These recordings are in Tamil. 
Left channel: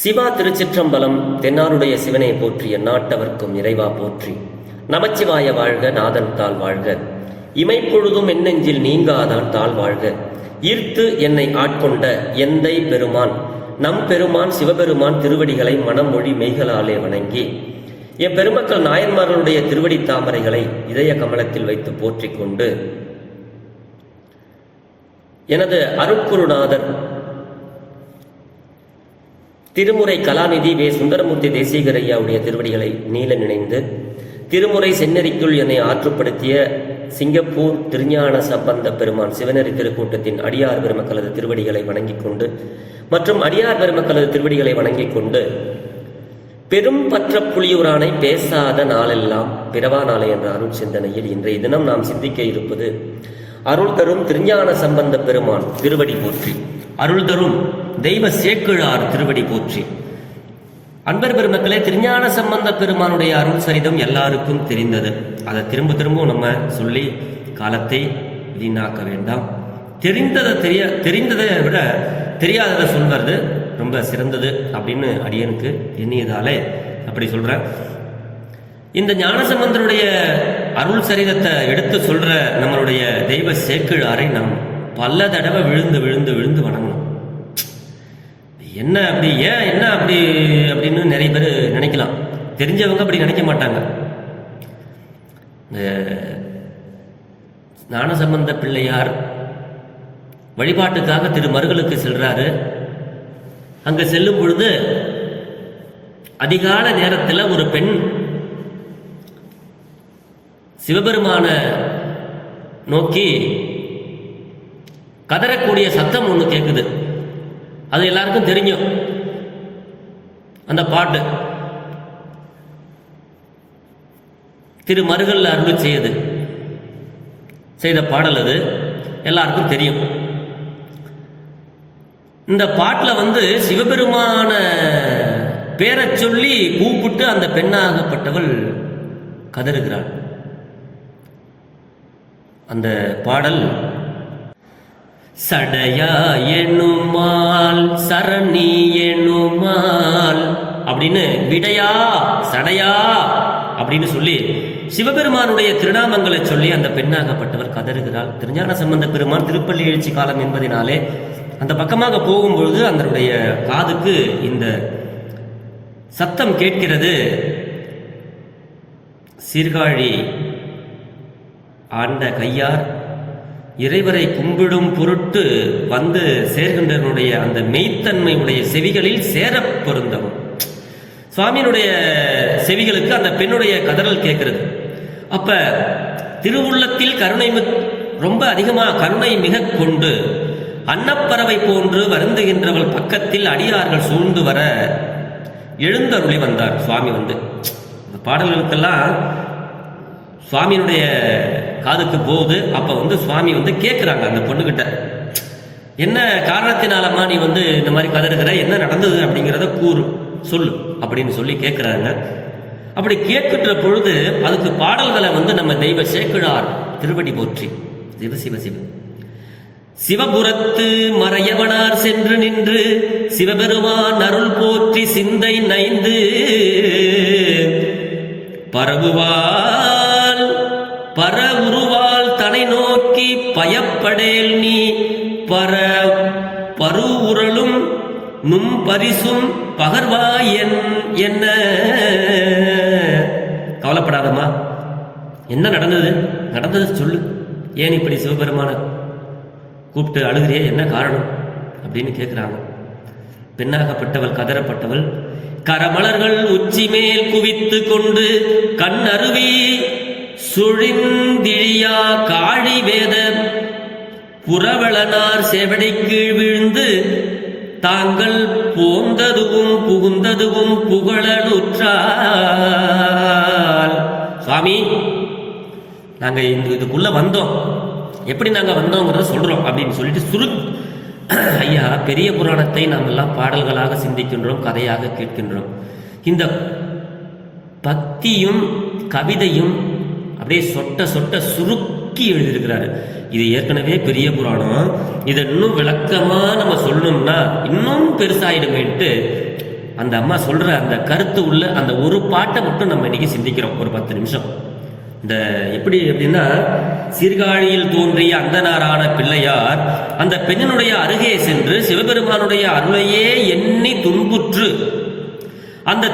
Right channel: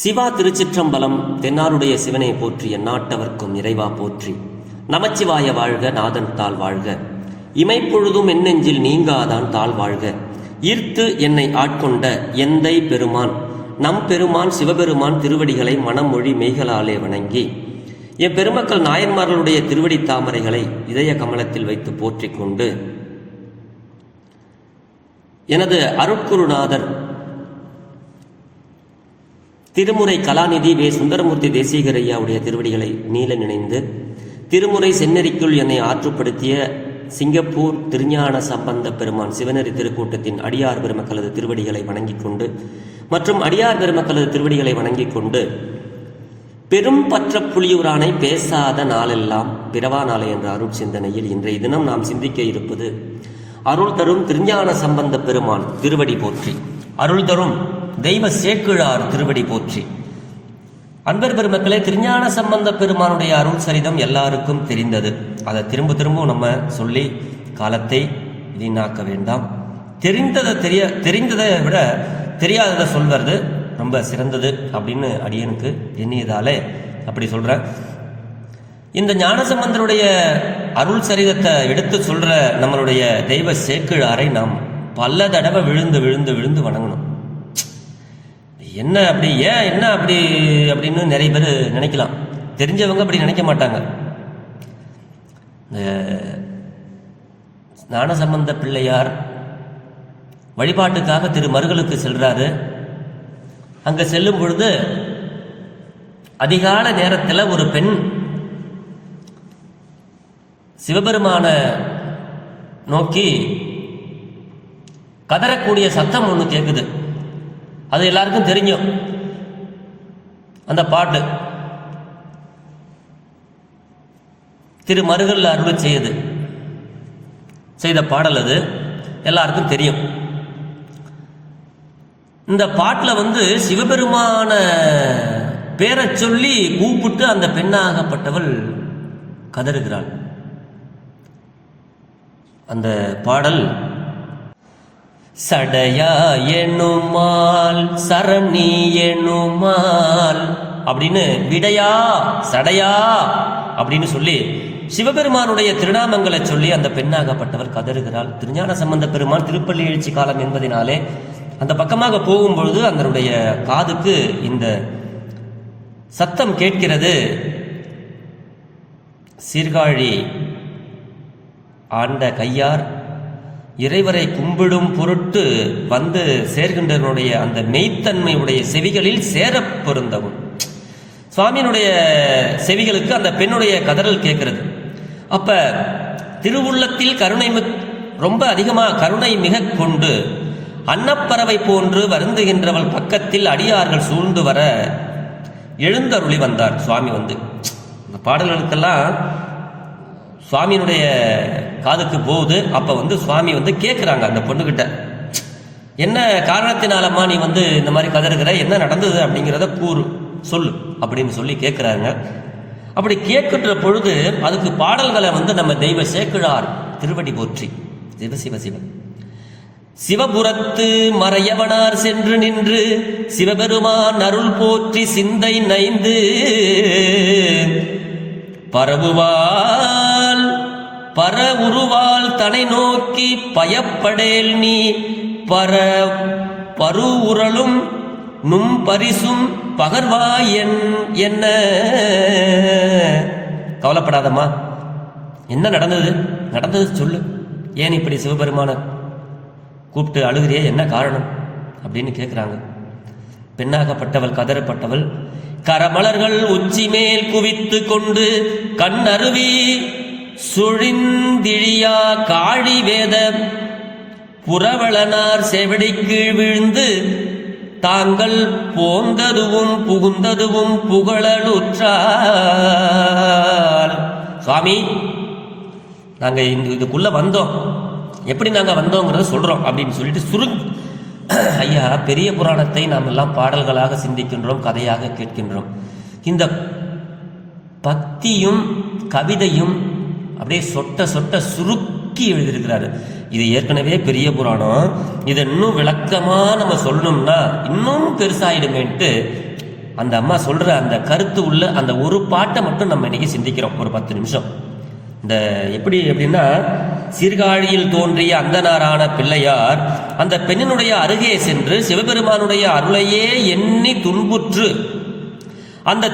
சிவா திருச்சிற்றம்பலம். தென்னாருடைய சிவனை போற்றி, எந்நாட்டவர்க்கும் இறைவா போற்றி. நமச்சிவாய வாழ்க, நாதன் தாள் வாழ்க. இமைப்பொழுதும் என்னெஞ்சில் நீங்காதான் தாள் வாழ்க. ஈர்த்து என்னை ஆட்கொண்ட எந்தை பெருமான் நம் பெருமான் சிவபெருமான் திருவடிகளை மனம் மொழி மெய்களாலே வணங்கி எப்பெருமக்கள் நாயன்மார்களுடைய திருவடி தாமரைகளை இதய கமலத்தில் வைத்து போற்றிக் கொண்டு எனது அருட்குருநாதர் திருமுறை கலாநிதி வே. சுந்தரமூர்த்தி தேசிகர் ஐயாவுடைய திருவடிகளை நீல நினைந்து, திருமுறை செந்நெறிக்குள் என்னை ஆற்றுப்படுத்திய சிங்கப்பூர் திருஞான சம்பந்த பெருமான் சிவநெறி திருக்கூட்டத்தின் அடியார் பெருமக்களது திருவடிகளை வணங்கிக் கொண்டு மற்றும் அடியார் பெருமக்களது திருவடிகளை வணங்கிக் கொண்டு பெரும் பற்ற புலியூரானை பேசாத நாளெல்லாம் பிறவா நாளை என்ற அருள் சிந்தனையில் இன்றைய தினம் நாம் சிந்திக்க இருப்பது அருள் தரும் திருஞான சம்பந்த பெருமான் திருவடி போற்றி, அருள் தரும் தெய்வ சேக்கிழார் திருவடி போற்றி. அன்பர் பெருமக்களே, திருஞான சம்பந்த பெருமானுடைய அருள் சரிதம் எல்லாருக்கும் தெரிந்தது. அதை திரும்ப நம்ம சொல்லி காலத்தை வீணாக்க வேண்டாம். தெரிந்ததை விட தெரியாததை சொல்வது ரொம்ப சிறந்தது அப்படின்னு அடியனுக்கு எண்ணியதாலே அப்படி சொல்றேன். இந்த ஞானசம்பந்தருடைய அருள் சரிதத்தை எடுத்து சொல்ற நம்மளுடைய தெய்வ சேக்கிழாரை நாம் பல தடவை விழுந்து விழுந்து விழுந்து வணங்கணும். என்ன அப்படி, ஏன் என்ன அப்படி அப்படின்னு நிறைய பேர் நினைக்கலாம். தெரிஞ்சவங்க அப்படி நினைக்க மாட்டாங்க. ஞானசம்பந்த பிள்ளையார் வழிபாட்டுக்காக திருமருகலுக்கு செல்றாரு. அங்க செல்லும் பொழுது அதிகால நேரத்தில் ஒரு பெண் சிவபெருமான நோக்கி கதறக்கூடிய சத்தம் ஒன்று கேட்குது. அது எல்லாருக்கும் தெரியும். அந்த பாட்டு திருமருகல் அருள் செய்த பாடல், அது எல்லாருக்கும் தெரியும். இந்த பாட்டில் சிவபெருமான பேரை சொல்லி கூப்பிட்டு அந்த பெண்ணாகப்பட்டவள் கதறுகிறாள். அந்த பாடல் சடையா எண்ணுமால் சரணி எண்ணுமால் அப்படின்னு விடையா சடையா அப்படின்னு சொல்லி சிவபெருமானுடைய திருநாமங்களை சொல்லி அந்த பெண்ணாகப்பட்டவர் கதறுகிறாள். திருஞான சம்பந்த பெருமான் திருப்பள்ளி எழுச்சி காலம் என்பதினாலே அந்த பக்கமாக போகும்பொழுது அதனுடைய காதுக்கு இந்த சத்தம் கேட்கிறது. சீர்காழி ஆண்ட கையார் இறைவரை கும்பிடும் பொருட்டு வந்து சேர்கின்றனுடைய அந்த மெய்த்தன்மையுடைய செவிகளில் சேர பொருந்தவும். சுவாமியினுடைய செவிகளுக்கு அந்த பெண்ணுடைய கதறல் கேட்கிறது. அப்ப திருவுள்ளத்தில் கருணை ரொம்ப அதிகமாக கருணை மிக கொண்டு அன்னப்பறவை போன்று வருந்துகின்றவள் பக்கத்தில் அடியார்கள் சூழ்ந்து வர எழுந்தருளி வந்தார் சுவாமி. இந்த பாடல்களுக்கெல்லாம் சுவாமியினுடைய காதுக்கு போகுது. அப்ப சுவாமி கேட்குறாங்க அந்த பொண்ணுகிட்ட, என்ன காரணத்தினாலம்மா நீ இந்த மாதிரி கதறுகிற, என்ன நடந்தது அப்படிங்கிறத சொல்லு அப்படின்னு சொல்லி கேட்குறாங்க. அப்படி கேட்கின்ற பொழுது அதுக்கு பாடல்களை நம்ம தெய்வ சேக்கிழார் திருவடி போற்றி. சிவ சிவ சிவ சிவபுரத்து மறையவனார் சென்று நின்று சிவபெருமான் அருள் போற்றி சிந்தை நைந்து பரவுவால் பர உருவால் தனை நோக்கி பயப்படேல் நீ பரு உரலும் நும் பரிசும் பகர்வாய் என்ன. கவலைப்படாதம்மா, என்ன நடந்தது சொல்லு. ஏன் இப்படி சிவபெருமான கூப்பிட்டு அழுகிறியே, என்ன காரணம் அப்படின்னு கேட்குறாங்க. பெண்ணாகப்பட்டவள் கதறப்பட்டவள் கரமலர்கள் உச்சி மேல் குவித்து கொண்டு கண் அருவி சுழிந்திழியா காழி வேத புறவளனார் செவடி கீழ் விழுந்து தாங்கள் போந்ததுவும் புகுந்ததுவும் புகழலுற்றால். சுவாமி, நாங்க இதுக்குள்ள வந்தோம், எப்படி நாங்க வந்தோங்கிறத சொல்றோம் அப்படின்னு சொல்லிட்டு ஐயா, பெரிய புராணத்தை நாம் எல்லாம் பாடல்களாக சிந்திக்கின்றோம், கதையாக கேட்கின்றோம். இந்த பக்தியும் கவிதையும் அப்படியே சொட்ட சொட்ட சுருக்கி எழுதியிருக்கிறாரு. இது ஏற்கனவே பெரிய புராணம். இதை இன்னும் விளக்கமா நம்ம சொல்லணும்னா இன்னும் பெருசாயிடுமேன்ட்டு அந்த அம்மா சொல்ற அந்த கருத்து உள்ள அந்த ஒரு பாட்டை மட்டும் நம்ம இன்னைக்கு சிந்திக்கிறோம் ஒரு 10 நிமிஷம். இந்த எப்படி அப்படின்னா, சீர்காழியில் தோன்றிய அந்தனாரான பிள்ளையார் அந்த பெண்ணினுடைய அருகே சென்று சிவபெருமானுடைய அருளையே எண்ணி துன்புற்று அந்த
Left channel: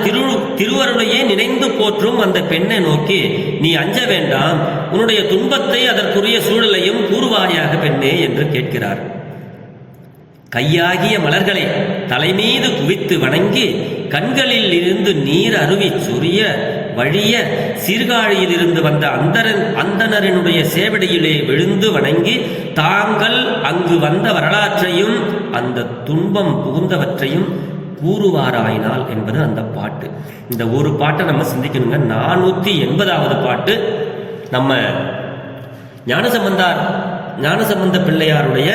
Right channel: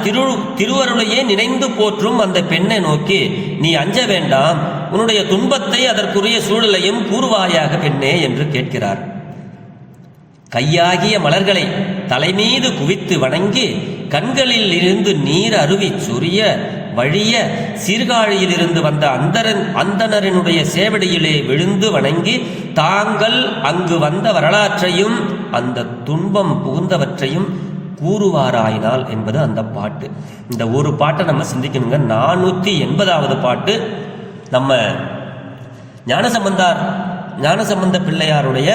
திருவருளையே நினைந்து போற்றும் அந்த பெண்ணை நோக்கி, நீ அஞ்ச வேண்டாம், உன்னுடைய துன்பத்தை அதற்குரிய சூழலையும் கூறுவாயாக பெண்ணே என்று கேட்கிறார். கையாகிய மலர்களை தலைமீது குவித்து வணங்கி கண்களில் இருந்து நீர் அருவி சொரிய வழிய சீர்காழியில் இருந்து வந்த அந்தணரினுடைய சேவடியிலே விழுந்து வணங்கி தாங்கள் அங்கு வந்த வரலாற்றையும் அந்த துன்பம் புகுந்தவற்றையும் கூறுவாராயினால் என்பது அந்த பாட்டு. இந்த ஒரு பாட்டை நம்ம சிந்திக்கணுங்க. 480வது பாட்டு நம்ம ஞானசம்பந்த பிள்ளையாருடைய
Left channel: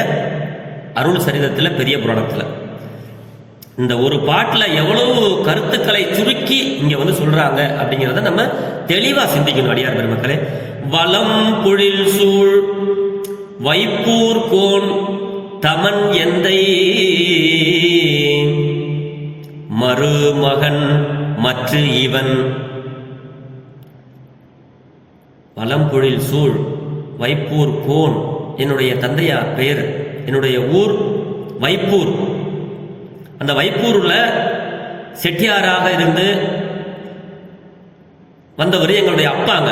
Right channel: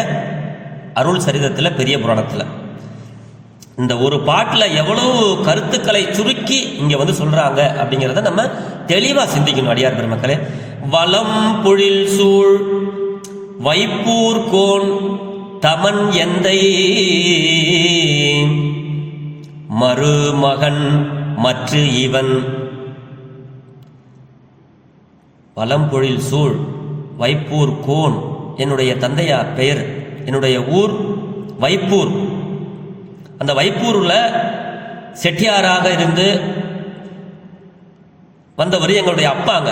அருள் சரிதத்தில் பெரிய புராணத்தில். இந்த ஒரு பாட்டில் எவ்வளவு கருத்துக்களை சுருக்கி இங்க வந்து சொல்றாங்க அப்படிங்கிறத நம்ம தெளிவா சிந்திக்கணும் அடியார் பெருமக்களே. வலம் பொழில் சூழ் வைப்பூர் கோன் தமன் எந்தை மருமகன் மற்று இவன். வலம்பொழில் சூழ் வைப்பூர் கோன், என்னுடைய தந்தையார் பெயர், என்னுடைய ஊர் வைப்பூர். அந்த வைப்பூர்ல செட்டியாராக இருந்து வந்தவர் எங்களுடைய அப்பாங்க.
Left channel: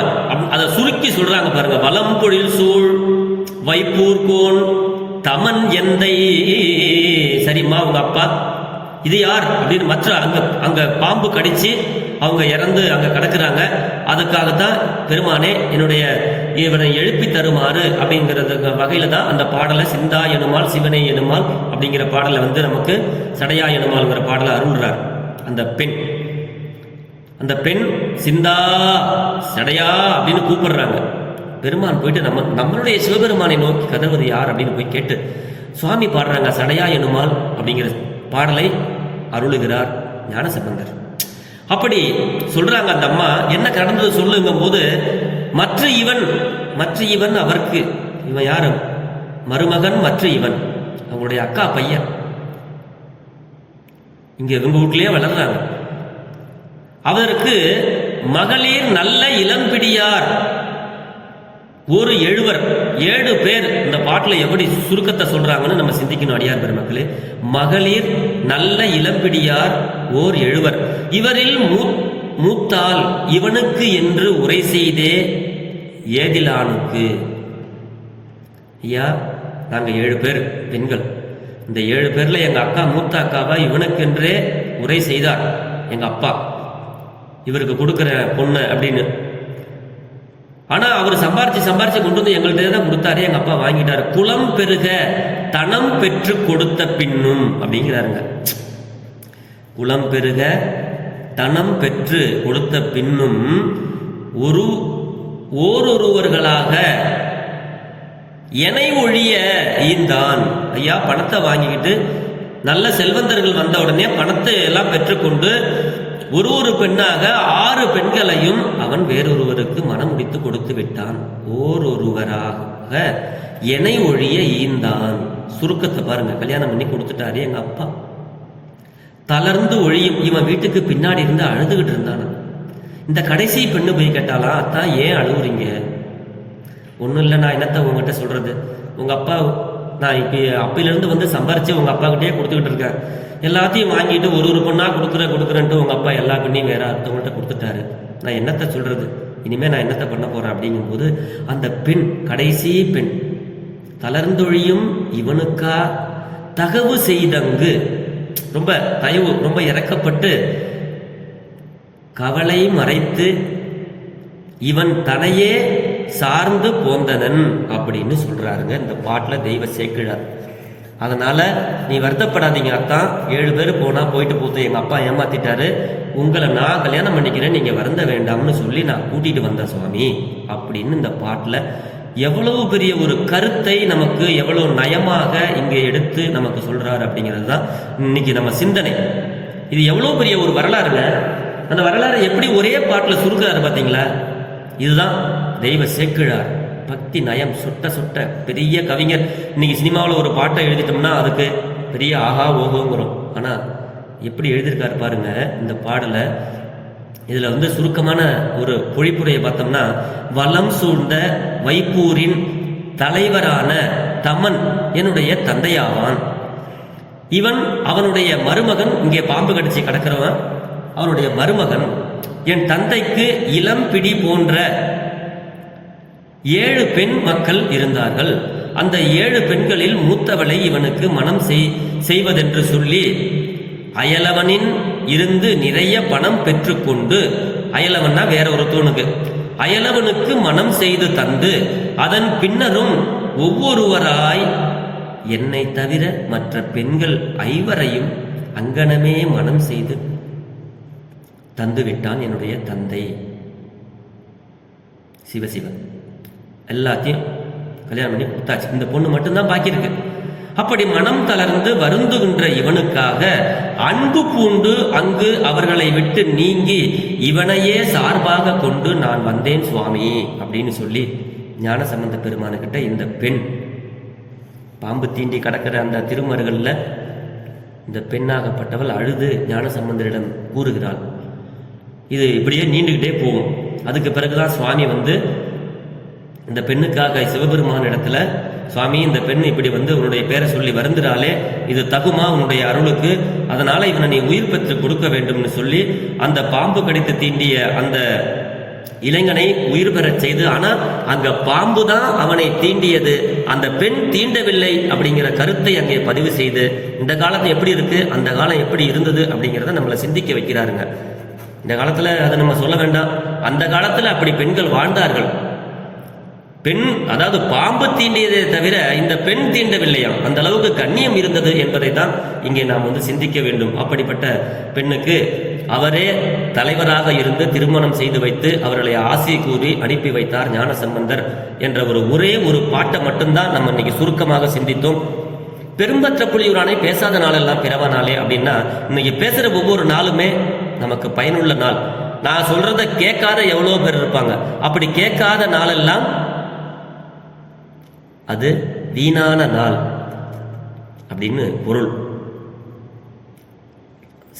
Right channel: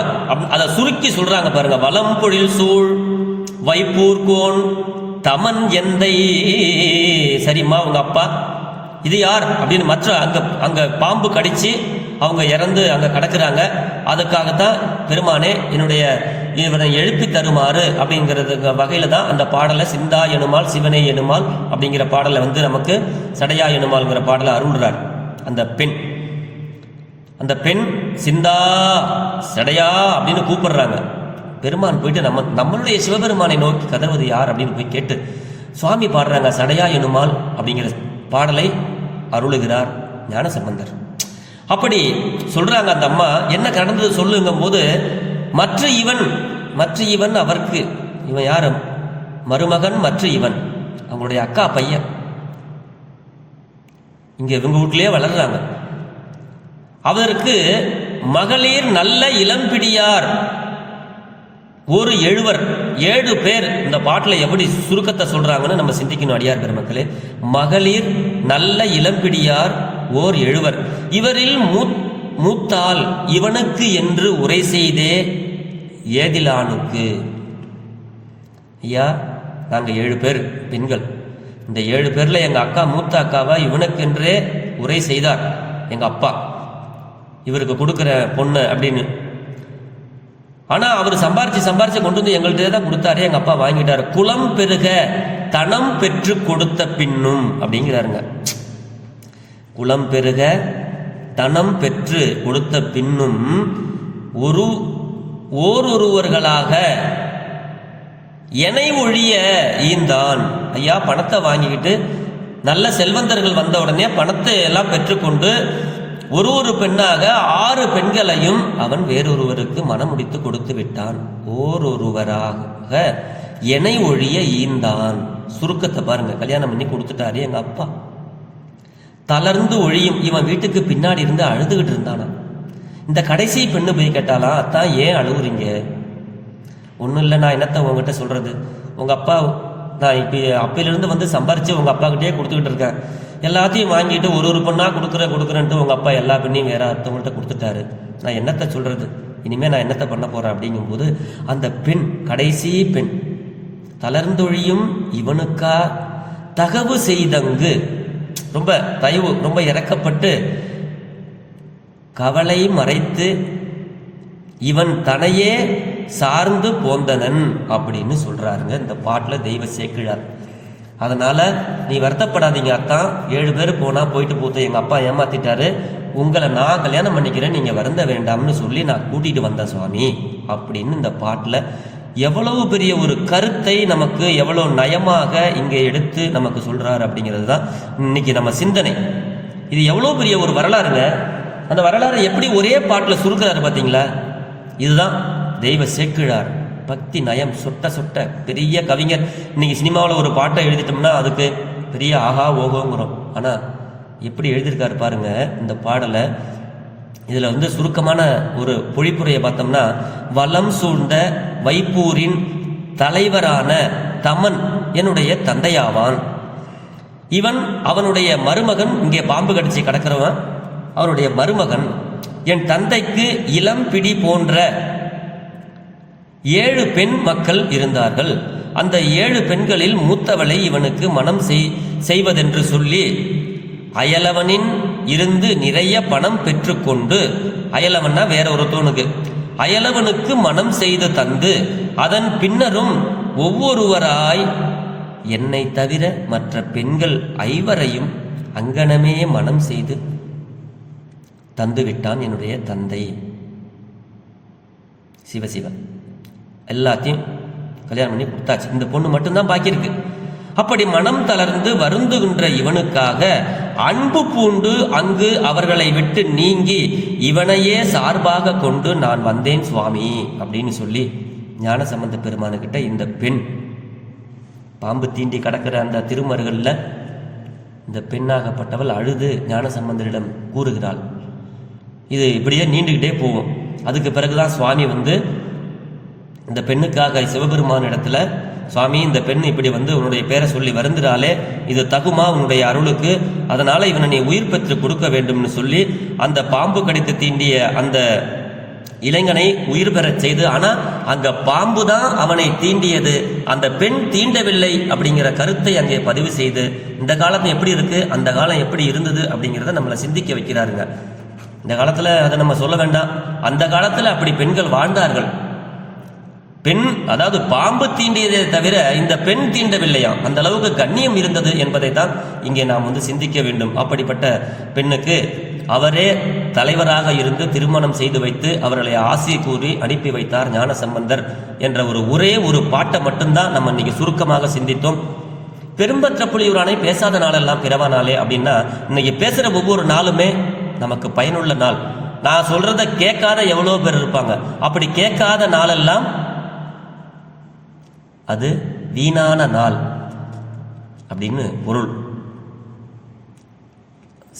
அதை சுருக்கி சொல்றாங்க பாருங்க. வலம்பொழில் சூழ் வைப்பூர் கோன் தமன் எந்தை. சரிம்மா, உங்க அப்பா இது யார் அப்படின்னு மற்ற அங்க பாம்பு கடிச்சு அவங்க இறந்து அங்க கிடக்குறாங்க. அதுக்காகத்தான் பெருமானே இவனை எழுப்பி தருமாறு அப்படிங்கிறது வகையில தான் அந்த பாடலை சிந்தா எனுமால் சிவனை எனுமால் அப்படிங்கிற பாடலை வந்து நமக்கு சடையா எனுமால்ங்கிற பாடலை அருள்றார். அந்த பெண் சிந்தா சடையா அப்படின்னு கூப்பிடுறாங்க. பெருமான் போயிட்டு நம்மளுடைய சிவபெருமானை நோக்கி கதவுவது யார் அப்படின்னு போய் கேட்டு சுவாமி பாடுறாங்க. சடையா எனுமால் அப்படிங்கிற பாடலை அருளுகிறார் ஞானசம்பந்தர். அப்படி சொல்றாங்க அந்த அம்மா. என்ன கடந்தது சொல்லுங்கும் போது, மற்ற இவன் அவருக்கு, இவன் யாரு? மருமகன் மற்ற இவன், அவங்களுடைய அக்கா பையன். இங்க இவங்க வீட்டிலேயே வளர்றாங்க. அவருக்கு மகளிர் நல்ல இளம்பிடியார் ஒரு 7 பேர். இந்த பாட்டில் எப்படி சுருக்கத்தை சொல்றாங்கன்னு நம்ம சிந்திக்கணும் அடியார் பெருமக்களே. மகளிர் நல்ல இளம்பிடியார் ஓர் 7. இவரில் மூத்தால் இவனுக்கு என்று உரை செய்தே ஏதிலானுக்கு. ஐயா, நாங்க 7 பேர் பெண்கள். இந்த 7 பேர்ல எங்க அக்கா மூத்த அக்காவை இவனுக்கென்றே உரை செய்தார் எங்க அப்பா, இவருக்கு கொடுக்கிற பொண்ணு அப்படின்னு. ஆனா அவர் சம்பாரிச்சு கொண்டு வந்து எங்கள்கிட்ட தான் கொடுத்தாரு. எங்க அப்பா வாங்கிட்டாரு. குலம் பெருக தனம் பெற்று கொடுத்த பின்னும் அப்படிங்கிறாருங்க. குலம் பெருக தனம் பெற்று கொடுத்த பின்னும் ஓரொருவர்களாக எனை ஒழிய ஈந்தான். ஐயா, பணத்தை வாங்கிக்கிட்டு நல்ல செல்வந்தர்கள் வந்த உடனே பணத்தை எல்லாம் பெற்றுக்கொண்டு ஒரு பெண்ணாக 6 பெண்களையும் அவன் வேறொருவருக்கு மனம் முடித்து கொடுத்து விட்டான். ஓரொருவராக எனை ஒழிய ஈந்தான். சுருக்கத்தை பாருங்க. கல்யாணம் பண்ணி கொடுத்துட்டாரு எங்க அப்பா. தளர்ந்து ஒழியும். இவன் வீட்டுக்கு பின்னாடி இருந்து அழுதுகிட்டு இருந்தான. இந்த கடைசி பெண்ணு போய் கேட்டாலாம், அத்தான் ஏன் அழுகுறீங்க? ஒன்றும் இல்லை, நான் என்னத்த உங்ககிட்ட சொல்றது, உங்க அப்பா நான் இப்போ அப்பிலிருந்து வந்து சம்பாரிச்சு உங்க அப்பா கிட்டே கொடுத்துக்கிட்டு இருக்கேன். எல்லாத்தையும் வாங்கிட்டு ஒரு பொண்ணா கொடுக்குறேன்ட்டு உங்க அப்பா எல்லா பெண்ணையும் வேற ஒருத்தவங்கள்ட்ட கொடுத்துட்டாரு. நான் என்னத்தை சொல்றது, இனிமே நான் என்னத்தை பண்ண போறேன் அப்படிங்கும்போது அந்த பெண், கடைசி பெண், தளர்ந்தொழியும் இவனுக்கா தகவு செய்தங்கு, ரொம்ப தயவு, ரொம்ப இறக்கப்பட்டு கவலை மறைத்து இவன் தனையே சார்ந்து போந்தனன் அப்படின்னு சொல்றாருங்க இந்த பாட்டில் தெய்வ சேக்கிழார். அதனால நீ வருத்தப்படாதீங்க அத்தான், 7 பேர் போயிட்டு போது எங்க அப்பா ஏமாத்திட்டாரு, உங்களை நான் கல்யாணம் பண்ணிக்கிறேன், நீங்க வருந்த வேண்டாம்னு சொல்லி நான் கூட்டிட்டு வந்தேன் சுவாமி அப்படின்னு இந்த பாட்டில் எவ்வளவு பெரிய ஒரு கருத்தை நமக்கு எவ்வளவு நயமாக இங்கே எடுத்து நமக்கு சொல்றாரு அப்படிங்கிறது தான் இன்னைக்கு நம்ம சிந்தனை. இது எவ்வளவு பெரிய ஒரு வரலாறுங்க. அந்த வரலாறு எப்படி ஒரே பாட்டில் சுருக்கிறாரு பார்த்தீங்களா? இதுதான் தெய்வ சேக்கிழார். பக்தி நயம் சுட்ட பெரிய கவிஞர். இன்னைக்கு சினிமாவில் ஒரு பாட்டை எழுதிட்டோம்னா அதுக்கு பெரிய ஆஹா ஓகோங்கிறோம். ஆனால் எப்படி எழுதியிருக்காரு பாருங்க இந்த பாடலை. இதில் வந்து சுருக்கமான ஒரு பொழிப்புரையை பார்த்தோம்னா, வலம் சூழ்ந்த வைப்பூரின் தலைவரான தமன் என்னுடைய தந்தையாவான். இவன் அவனுடைய மருமகன், இங்கே பாம்பு கடிச்சு கிடக்கிறவன் அவனுடைய மருமகன். என் தந்தைக்கு இளம் பிடி போன்ற 7 பெண் மக்கள் இருந்தார்கள். அந்த 7 பெண்களில் மூத்தவளை இவனுக்கு மனம் செய்வதென்று சொல்லி அயலவனின் இருந்து நிறைய பணம் பெற்றுக்கொண்டு, அயலவன்னா வேற ஒருத்தவனுக்கு, அயலவனுக்கு மனம் செய்து தந்து, அதன் பின்னரும் ஒவ்வொருவராய் என்னை தவிர மற்ற பெண்கள் 5வரையும் அங்கனமே மனம் செய்து தந்துவிட்டான் என்னுடைய தந்தை. சிவசிவன் எல்லாத்தையும் கல்யாணம் பண்ணி கொடுத்தாச்சு. இந்த பொண்ணு மட்டும்தான் பாக்கி இருக்கு. அப்படி மனம் தளர்ந்து வருந்துகின்ற இவனுக்காக அன்பு பூண்டு அங்கு அவர்களை விட்டு நீங்கி இவனையே சார்பாக கொண்டு நான் வந்தேன் சுவாமி அப்படின்னு சொல்லி ஞானசம்பந்த பெருமானுக்கிட்ட இந்த பெண் பாம்பு தீண்டி கடக்கிற அந்த திருமருகளில் இந்த பெண்ணாகப்பட்டவள் அழுது ஞானசம்பந்தரிடம் கூறுகிறாள். இது இப்படியே நீண்டுகிட்டே போகும். அதுக்கு பிறகுதான் சுவாமி வந்து இந்த பெண்ணுக்காக சிவபெருமான இடத்துல, சுவாமி இந்த பெண் இப்படி வந்து உன்னுடைய பேரை சொல்லி வருந்துறாளே, இது தகுமா உன்னுடைய அருளுக்கு, அதனால இவனை நீ உயிர் பெற்று கொடுக்க வேண்டும்னு சொல்லி அந்த பாம்பு கடித்து தீண்டிய அந்த இளைஞனை உயிர் பெறச் செய்து, ஆனா அங்க பாம்பு தான் அவனை தீண்டியது, அந்த பெண் தீண்டவில்லை அப்படிங்கிற கருத்தை அங்கே பதிவு செய்து, இந்த காலத்து எப்படி இருக்கு, அந்த காலம் எப்படி இருந்தது அப்படிங்கிறத நம்மளை சிந்திக்க வைக்கிறாருங்க. இந்த காலத்துல அதை நம்ம சொல்ல வேண்டாம், அந்த காலத்துல அப்படி பெண்கள் வாழ்ந்தார்கள். பெண், அதாவது பாம்பு தீண்டியதை தவிர இந்த பெண் தீண்டவில்லையா, அந்த அளவுக்கு கண்ணியம் இருந்தது என்பதை தான் இங்கே நாம் வந்து சிந்திக்க வேண்டும். அப்படிப்பட்ட பெண்ணுக்கு அவரே தலைவராக இருந்து திருமணம் செய்து வைத்து அவர்களை ஆசி கூறி அனுப்பி வைத்தார் ஞானசம்பந்தர் என்ற ஒரே ஒரு பாட்டை மட்டும்தான் நம்ம இன்னைக்கு சுருக்கமாக சிந்தித்தோம். பெரும்பற்ற புலியூரானை பேசாத நாளெல்லாம் பிறவா நாளே அப்படின்னா, இன்னைக்கு பேசுற ஒவ்வொரு நாளுமே நமக்கு பயனுள்ள நாள். நான் சொல்றத கேட்காத எவ்வளோ பேர் இருப்பாங்க. அப்படி கேட்காத நாளெல்லாம் அது வீணான நாள் அப்படின்னு பொருள்.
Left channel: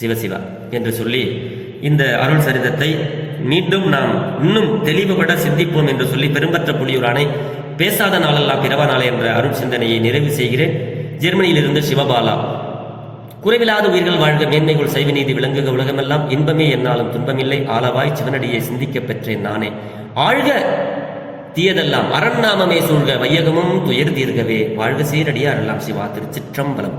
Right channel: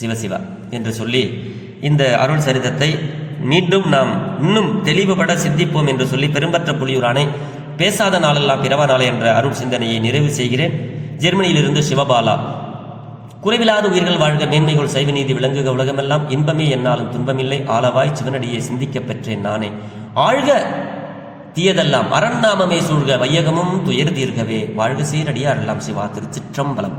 சிவசிவா என்று சொல்லி இந்த அருள் சரிதத்தை மீண்டும் நாம் இன்னும் தெளிவுபட சிந்திப்போம் என்று சொல்லி பெரும்பற்ற புலியூரானை பேசாத நாளெல்லாம் பிறவா நாளே என்ற அருள் சிந்தனையை நிறைவு செய்கிறேன். ஜெர்மனியிலிருந்து சிவபாலா. குறைவில்லாத உயிர்கள் வாழ்க, மேன்மைகள் சைவ நீதி விளங்குக, உலகமெல்லாம் இன்பமே என்னாலும் துன்பமில்லை, ஆளவாய் சிவனடியை சிந்திக்க பெற்றேன் நானே. ஆழ்க தீயதெல்லாம் அரண்நாமமே சூழ்க, வையகமும் துயர் தீர்கவே, வாழ்க சீரடியாரெல்லாம் சிவா. திருச்சிற்றம்பலம்.